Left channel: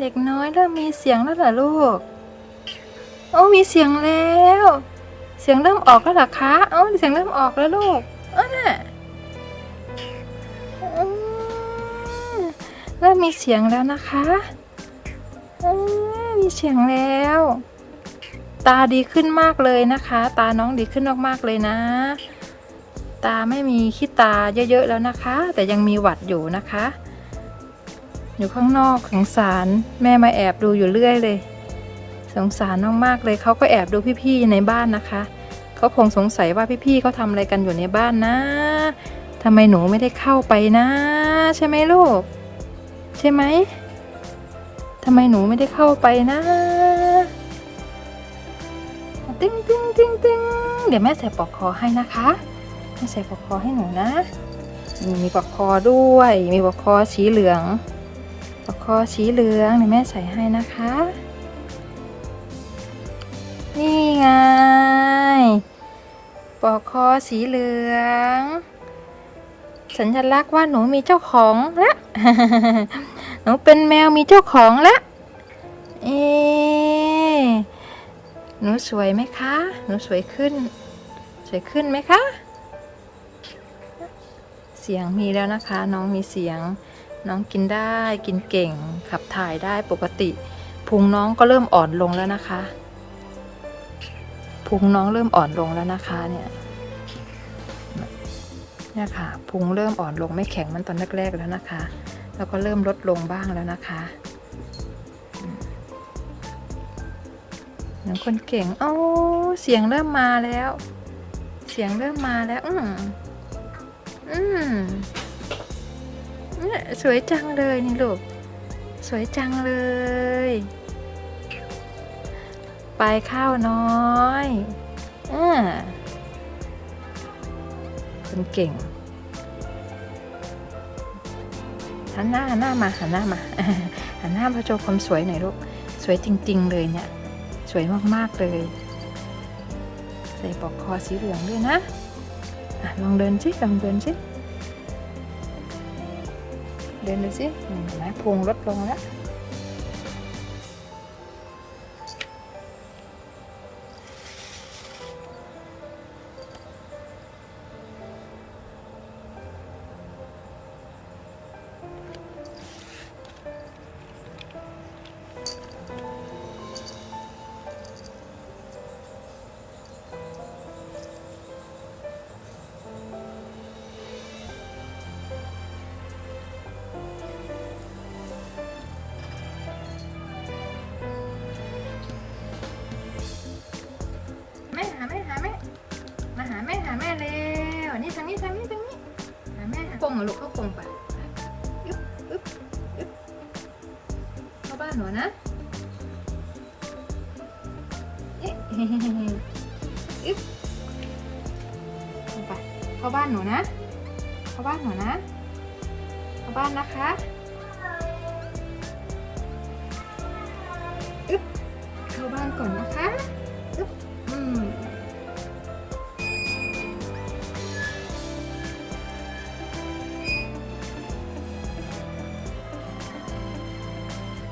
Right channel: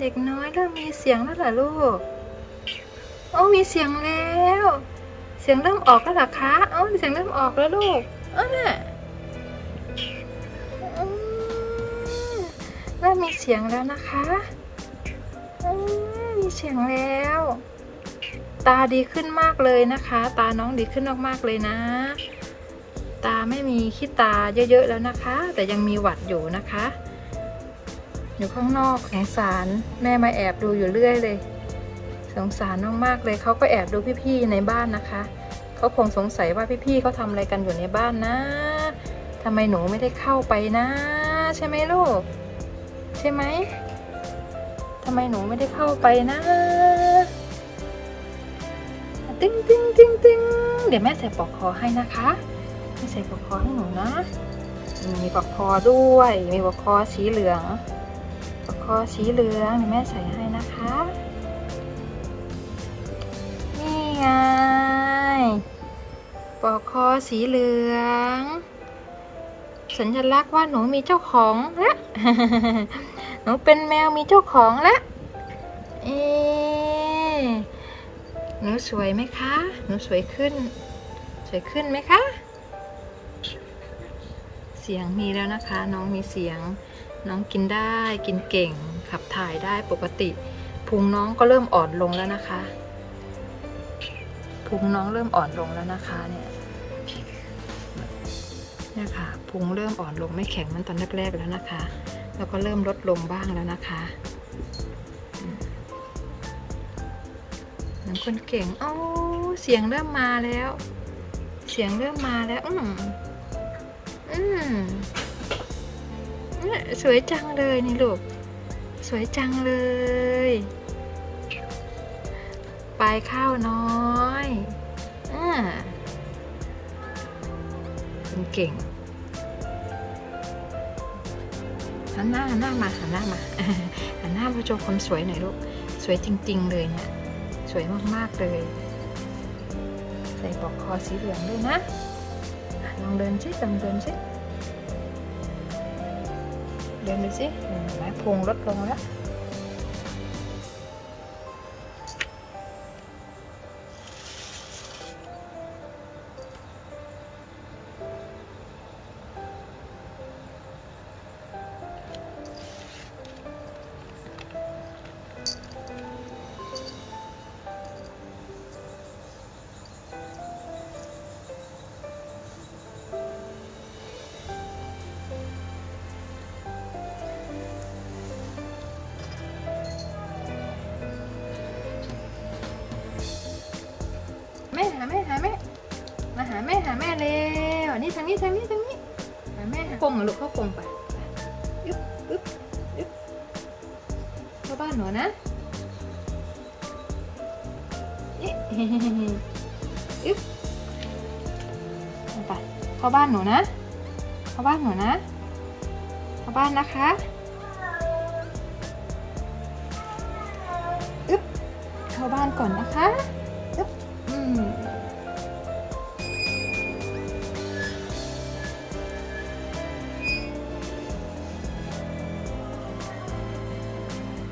เด็กน้อยเริ่มมีเสียงแล้วเหรอลูกโอ้มีเสียงแล้ว เสียงเริ่มออกแล้วเหรอคะ เอ้าเสียงเริ่มออกแล้วลูกอ้าเริ่มมีเสียงแล้วนะคะมีเสียงแล้ว ตาดีขึ้นมากเลยนะคะ ตาน้องดีขึ้นมากๆเลยนะ ตาไม่มีขี้ตาเยอะๆแล้วนะคะ แต่ยังมีหวัดอยู่นะคะ อยู่ข้างนอกสงสารแม่มาแอบดูอยู่เรื่อยเลย สงสารน้องมากเลยเขาก็แอบดูพี่ๆในบ้านนะคะเขาคงสงสัยว่าพี่ๆเขาทำอะไรกันอยู่ในบ้านนะทำไมหนูไม่ได้เข้าไปนะ ใช่ไหมลูก ใช่ไหมทำไมหนูไม่ได้เข้าไปนะติ้งติ้งติ้งติ้งเดี๋ยวแม่ใส่ปลอกคอให้นะคะแม่ใส่ปลอกคอให้หนูนะ มีปลอกคอด้วย มีปลอกคอสีเหลือง กคอสีเหลืองเดี๋ยวแม่ใส่ให้นะคะ นี่ไงปลอกคอสีเหลือง สัญลักษณ์ว่าหนูมีเจ้าของแล้วหนูเป็นแมวมีเจ้าของแล้วเอ๊หนูสวยไหมคะ หนูสวยขึ้น สวยขึ้นไหมคะ เสียงมีแล้วนะคะ น้องมีเสียง น้องกินได้กินเก่งขับถ่ายได้ปกติพุงน้องก็เริ่มอ่อนลงแล้วนะคะพุงน้องเริ่มอ่อนลงแล้วนะคะเนี่ยเนี่ยค่ะพุงเริ่มอ่อนลงไม่แข็งมันตอนแรกๆแล้วนะคะ แล้วก็เริ่มลดลงบ้างแล้วนะคะอืมเหมือนคนเก่งโอ้เสียงเริ่มมาแล้ว เสียงเริ่มมาแล้ว อืมอืม สวยจังเลยนี่ลูก สวยจังเลยปลายข้าวน้อยอ่าคุณเก่งหันหน้าหันหน้ามาหันหน้ามาหันหน้ามาโชว์ความสวยหน่อยลูก สวยจริง ๆ เลยเนี่ย สวยมาก ๆ เลยใส่ปลอกคอสีเหลืองด้วยนะอะลองเดินสิลองเดินสิ เดินดูสิเห็น แม่หาแม่เร็วนี่ทางนี้ทางนี้ทางนี้หาแม่หาพงเหรอลูกก็พงไปไปอึ๊บอึ๊บอึ๊บเข้าบ้านหนูนะเอ๊ะอึ๊บไปเข้าบ้านหนูนะ เข้าบ้านหนูนะ เข้าบ้านนะคะอึ๊บเข้าบ้านก่อนนะคะ